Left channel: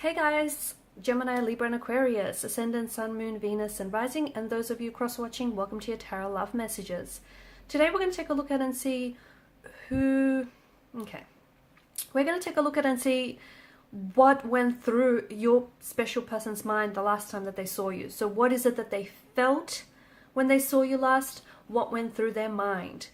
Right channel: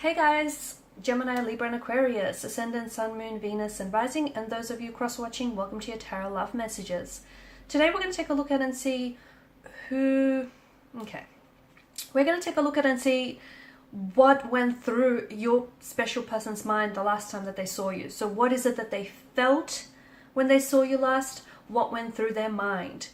Hey guys, Gemini, Libra, and Aquarius, Ascendant, Sun, Moon, Venus, and Rising, and those of you cross-watching, welcome to your Tarot Love Messages. Today we're going to take a look at and see who... Okay. We're going to take a look at and see what went through your special person's mind the last time that they saw you. So what is it that they felt when they saw you last? What went through their mind?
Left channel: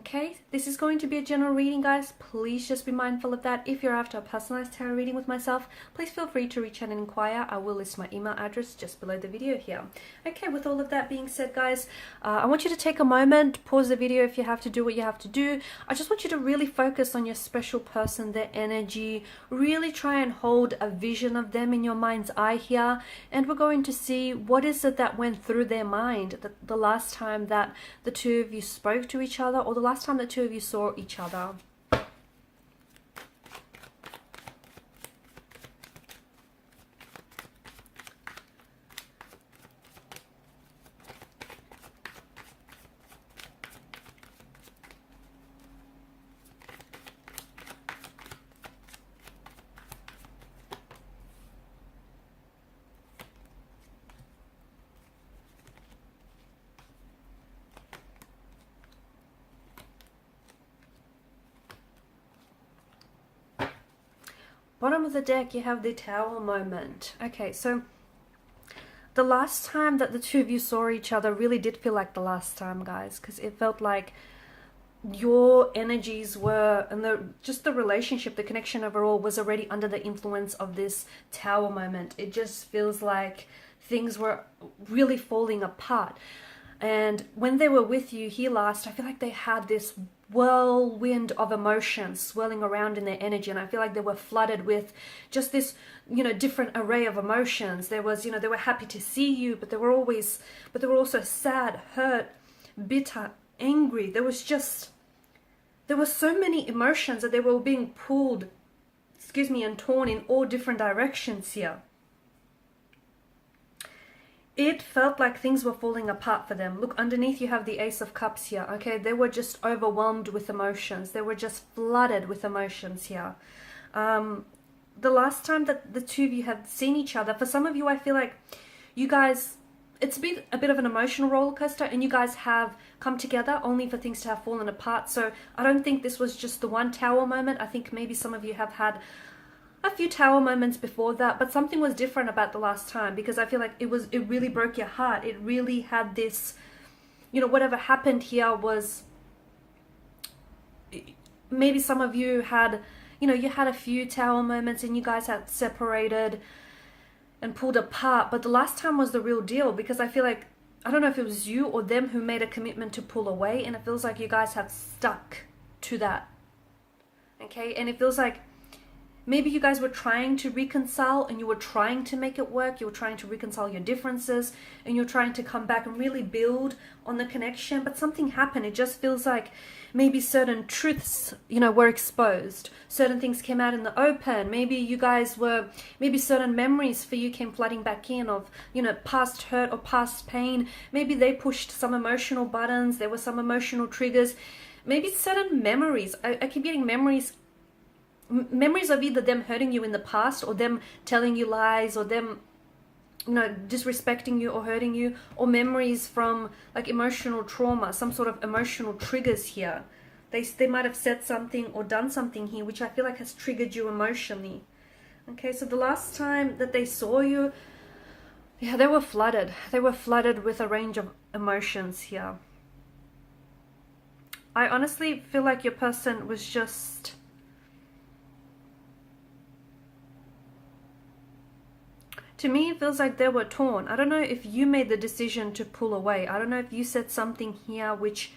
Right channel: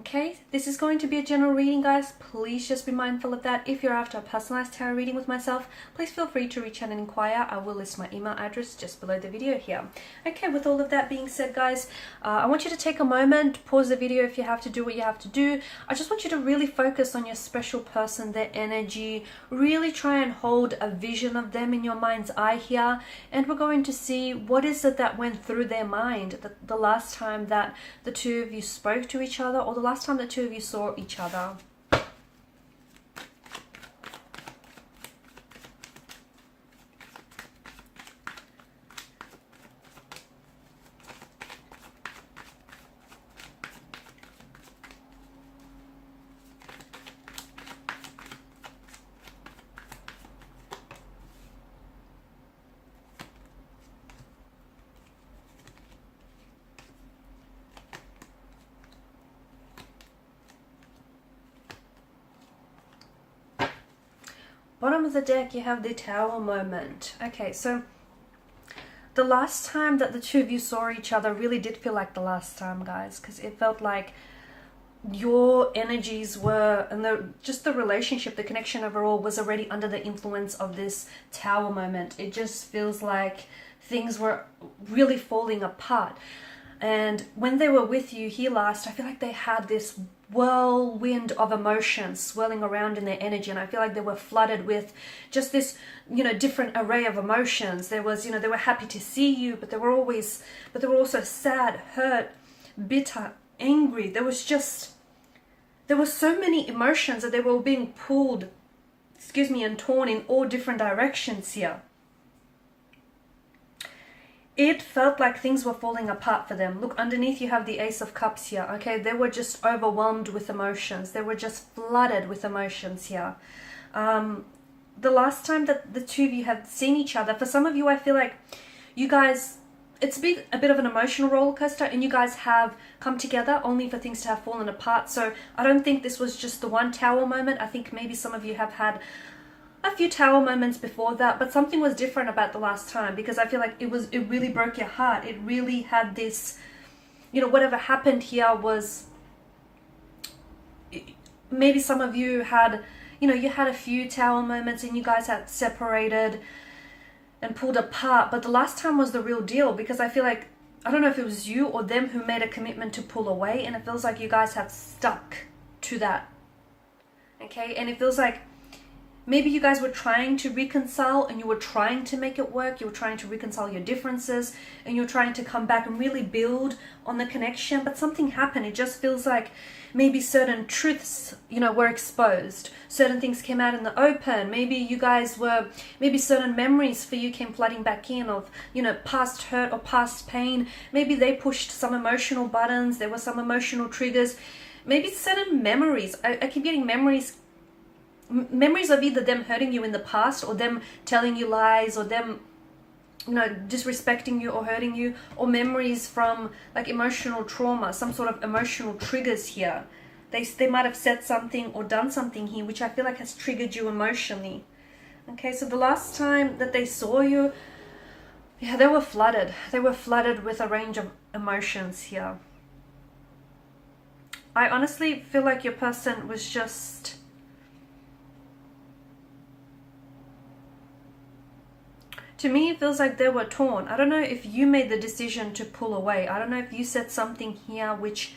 Okay, this is going to be a general reading, guys. Please just be mindful of that. If you're after a personalized tarot reading with myself, please feel free to reach out and inquire. I will list my email address just below the video here. Okay, with all of that being said, guys, I want you to take a moment, pause the video if you have to do what you have to do. I just want you to really focus on your special person, their energy. Really try and hold a vision of them in your mind's eye here. And we're going to see what is it that went through their mind the last time that the two of you spoke to each other, or the last time the two of you saw each other. Bottom of the deck, you have the Tower moment. Okay, so the last time that the two of you saw each other really did feel like the last time, guys, because it felt like your energies were, and just the relationship, the connection overall was already under the influence of this Tower moment. It just feels like things were really falling apart. And when they were with you here last, I feel like they had this whirlwind of emotions swirling around in their energy. And I feel like they were flooded with just this, different array of emotions. There was, they were happy to see you, but they were also sad, hurt, bitter, angry. There were so many emotions that they were being pulled, and torn in all different directions here. It felt like things were falling apart for them. Look, underneath you have the Ace of Cups here, okay? They were just overwhelmed with emotions. They were just flooded with emotions here. The last time that the two of you had seen each other, for some of you, I feel like you guys, it's been a bit of an emotional roller coaster, and you guys have come together only for things to have fallen apart. So I don't think this was just the one Tower moment. I think maybe some of you have had a few Tower moments before that, but something was different about the last time, because I feel like it really broke your heart. It really had this, whatever happened here was, maybe some of you had, you had a few Tower moments and you guys had separated and pulled apart, but the last time was the real deal, because I feel like, I don't know if it was you or them who made a commitment to pull away, and it feels like you guys have stuck to that. Okay, and it feels like maybe you guys were trying to reconcile and you were trying to make it work. You were trying to reconcile your differences and you're trying to come back and really build on the connection. But something happened. It just feels like maybe certain truths, were exposed. Certain things came out in the open. Maybe certain memories for you came flooding back in of, past hurt or past pain. Maybe they pushed some emotional buttons. There were some emotional triggers. Maybe certain memories. I keep getting memories of either them hurting you in the past, or them telling you lies, or them disrespecting you or hurting you, or memories from like emotional trauma, some sort of emotional triggers here. They might have said something or done something here which I feel like has triggered you emotionally. Okay, so the last time that they saw you, yeah, they were flooded with a range of emotions here. I honestly feel like your person was just, to me, it feels like they were torn. I don't know if you made the decision to pull away. I don't know if you said something here which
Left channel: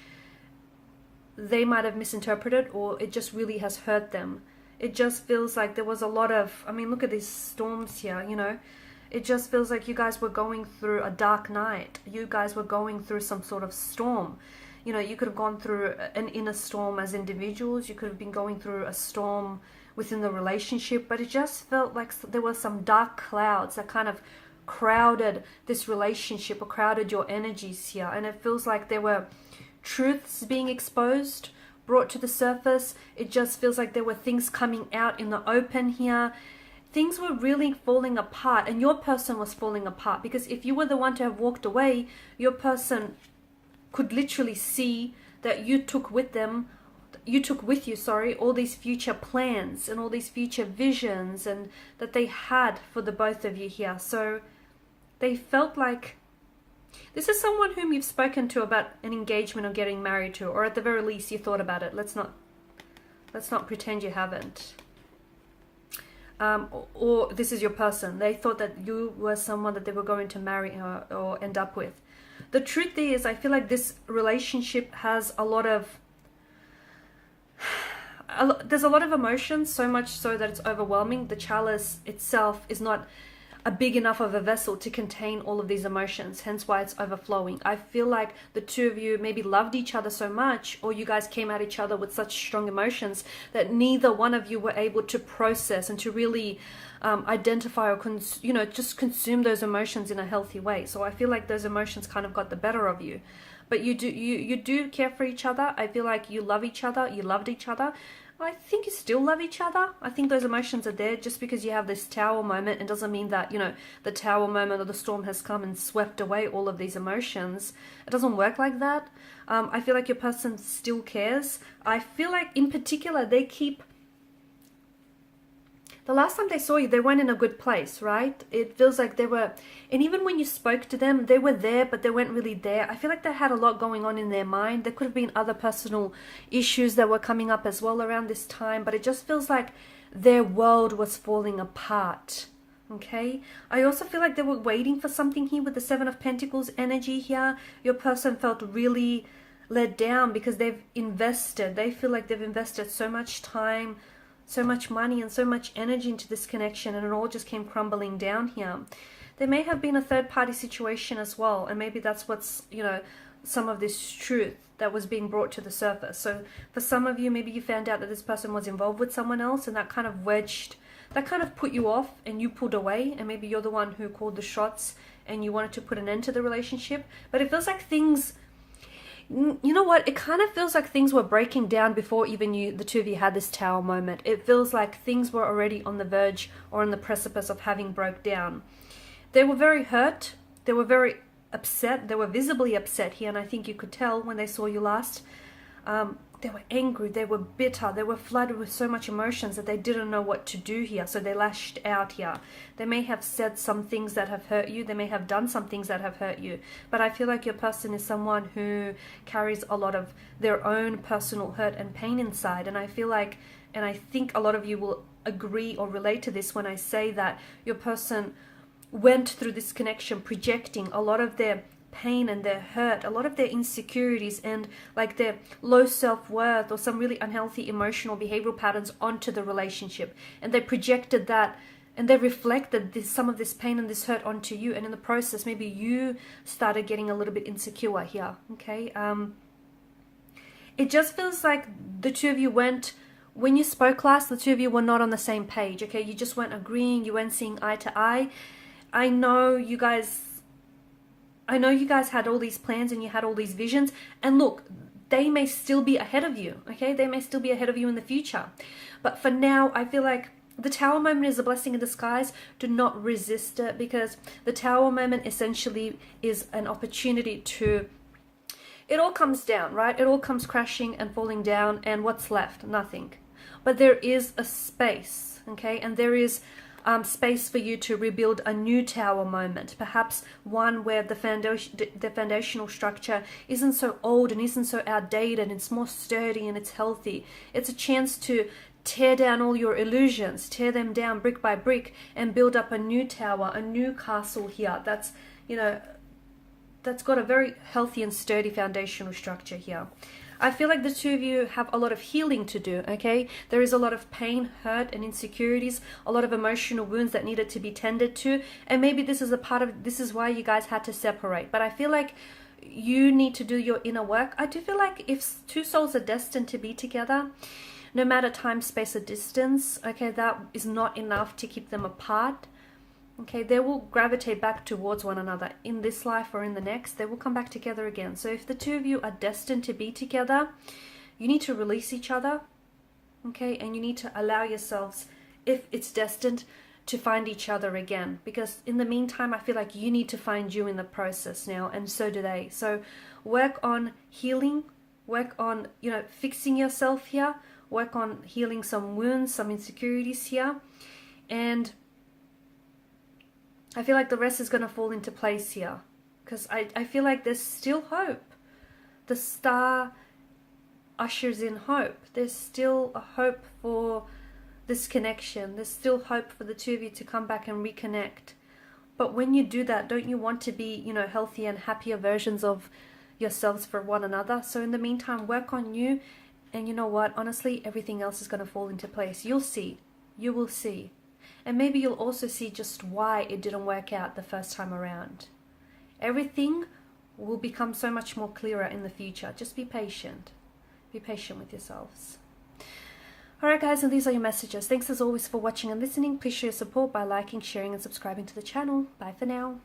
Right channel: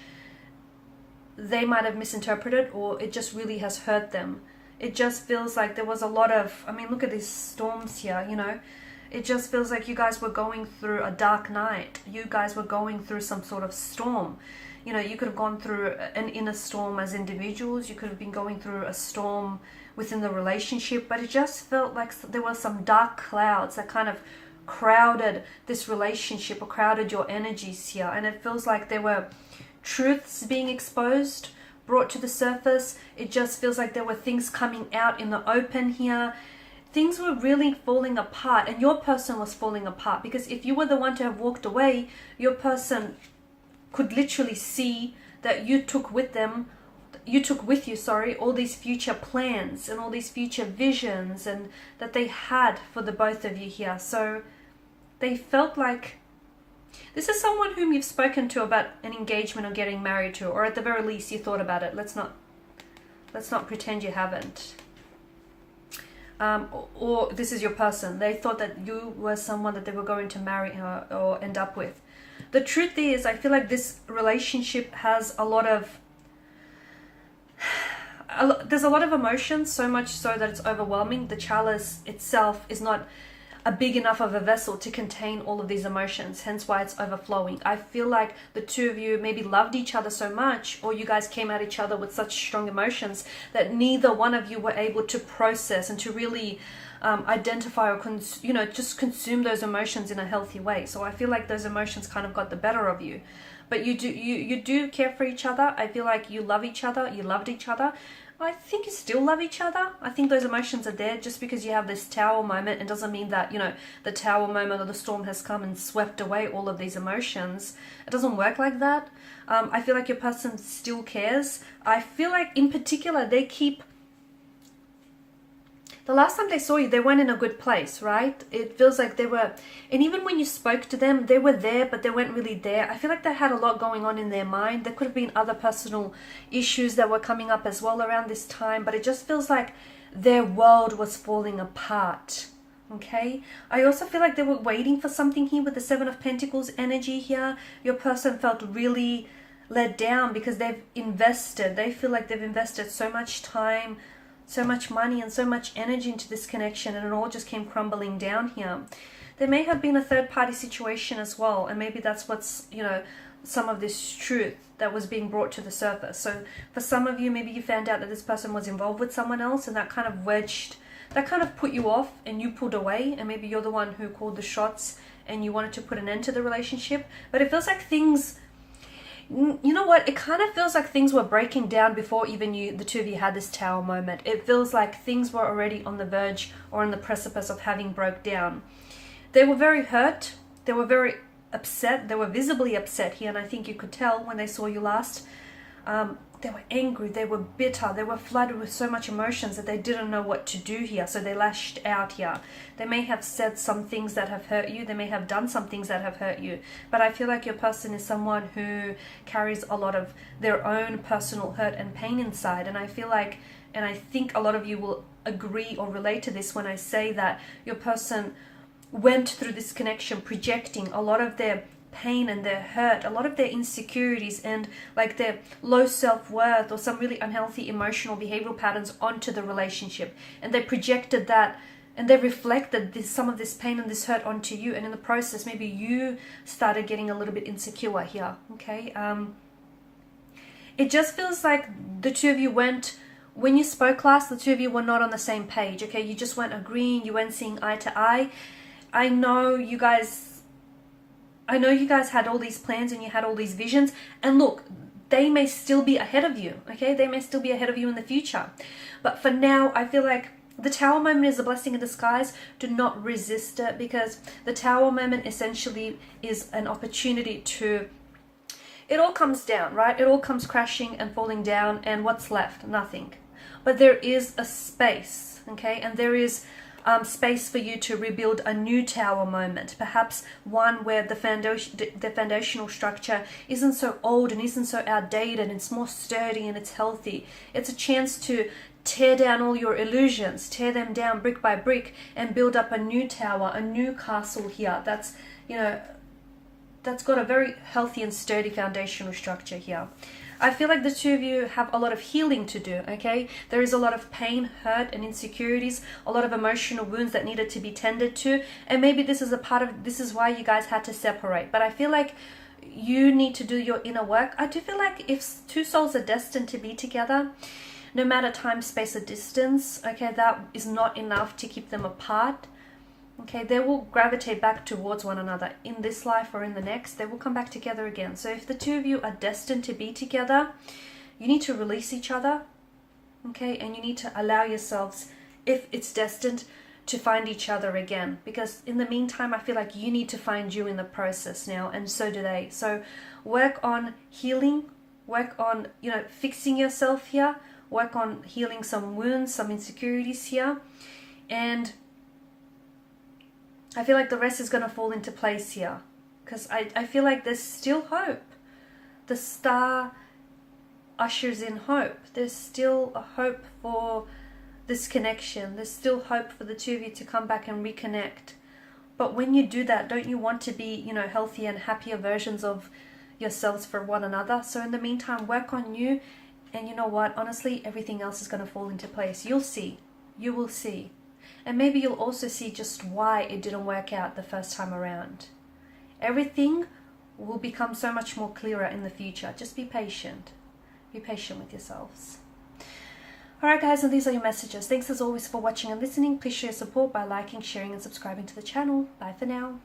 they might have misinterpreted, or it just really has hurt them. It just feels like there was a lot of, look at these storms here, It just feels like you guys were going through a dark night. You guys were going through some sort of storm. You could have gone through an inner storm as individuals. You could have been going through a storm within the relationship, but it just felt like there were some dark clouds that kind of crowded this relationship, or crowded your energies here. And it feels like there were truths being exposed, brought to the surface. It just feels like there were things coming out in the open here. things were really falling apart, and your person was falling apart, because if you were the one to have walked away, your person could literally see that you took with you, sorry, all these future plans and all these future visions and that they had for the both of you here. So they felt like this is someone whom you've spoken to about an engagement or getting married to, or at the very least you thought about it. Let's not pretend you haven't. Or this is your person. They thought that you were someone that they were going to marry or end up with. The truth is, I feel like this relationship has there's a lot of emotions, so much so that it's overwhelming. The chalice itself is not a big enough of a vessel to contain all of these emotions, hence why it's overflowing. I feel like the two of you maybe loved each other so much, or you guys came at each other with such strong emotions that neither one of you were able to process and to really identify or just consume those emotions in a healthy way. So I feel like those emotions kind of got the better of you. But you do care for each other. I feel like you love each other, you loved each other. I think you still love each other. I think those emotions are there. Just because you have this tower moment, it doesn't mean that, the tower moment or the storm has come and swept away all of these emotions. It doesn't work like that. I feel like your person still cares. I feel like in particular, the last time they saw you, they weren't in a good place, right? It feels like they were, and even when you spoke to them, they were there, but they weren't really there. I feel like they had a lot going on in their mind. There could have been other personal issues that were coming up as well around this time, but it just feels like their world was falling apart, okay? I also feel like they were waiting for something here with the Seven of Pentacles energy here. Your person felt really let down because they feel like they've invested so much time, so much money and so much energy into this connection, and it all just came crumbling down here. There may have been a third-party situation as well, and maybe that's what's, some of this truth that was being brought to the surface. So for some of you, maybe you found out that this person was involved with someone else, and that kind of put you off and you pulled away, and maybe you're the one who called the shots and you wanted to put an end to the relationship. But it feels like it kind of feels like things were breaking down before even the two of you had this tower moment. It feels like things were already on the verge or on the precipice of having broke down. They were very hurt. They were very upset. They were visibly upset here, and I think you could tell when they saw you last. They were angry. They were bitter. They were flooded with so much emotions that they didn't know what to do here, so they lashed out here. They may have said some things that have hurt you. They may have done some things that have hurt you. But I feel like your person is someone who carries a lot of their own personal hurt and pain inside. And I feel like, and I think a lot of you will agree or relate to this when I say that your person went through this connection projecting a lot of their pain and their hurt, a lot of their insecurities and like their low self-worth or some really unhealthy emotional behavioral patterns onto the relationship. And they projected that, and they reflected some of this pain and this hurt onto you. And in the process, maybe you started getting a little bit insecure here, okay? It just feels like the two of you when you spoke last, the two of you were not on the same page, okay? You just weren't agreeing, you weren't seeing eye to eye. I know you guys had all these plans and you had all these visions, and look, they may still be ahead of you, okay? They may still be ahead of you in the future. But for now, I feel like the tower moment is a blessing in disguise. Do not resist it, because the tower moment essentially is an opportunity to, it all comes down, right? It all comes crashing and falling down, and what's left? Nothing. But there is a space, okay? And there is space for you to rebuild a new tower moment, perhaps one where the foundational structure isn't so old and isn't so outdated, and it's more sturdy and it's healthy. It's a chance to tear down all your illusions, tear them down brick by brick, and build up a new tower, a new castle here that's got a very healthy and sturdy foundational structure here. I feel like the two of you have a lot of healing to do, okay? There is a lot of pain, hurt, and insecurities, a lot of emotional wounds that needed to be tended to, and maybe this is why you guys had to separate. But I feel like you need to do your inner work. I do feel like if two souls are destined to be together, no matter time, space, or distance, okay, that is not enough to keep them apart. Okay, they will gravitate back towards one another in this life or in the next. They will come back together again. So if the two of you are destined to be together, you need to release each other, okay? And you need to allow yourselves, if it's destined, to find each other again, because in the meantime I feel like you need to find you in the process now, and so do they. So work on healing, work on, you know, fixing yourself here, work on healing some wounds, some insecurities here, and I feel like the rest is going to fall into place here, because I feel like there's still hope. The star ushers in hope. There's still a hope for this connection. There's still hope for the two of you to come back and reconnect. But when you do that, don't you want to be, you know, healthy and happier versions of yourselves for one another? So in the meantime, work on you, and you know what? Honestly, everything else is going to fall into place. You'll see. You will see. And maybe you'll also see just why it didn't work out the first time around. Everything will become so much more clearer in the future. Just be patient. Be patient with yourselves. Alright guys, and these are your messages. Thanks as always for watching and listening. Please show your support by liking, sharing and subscribing to the channel. Bye for now.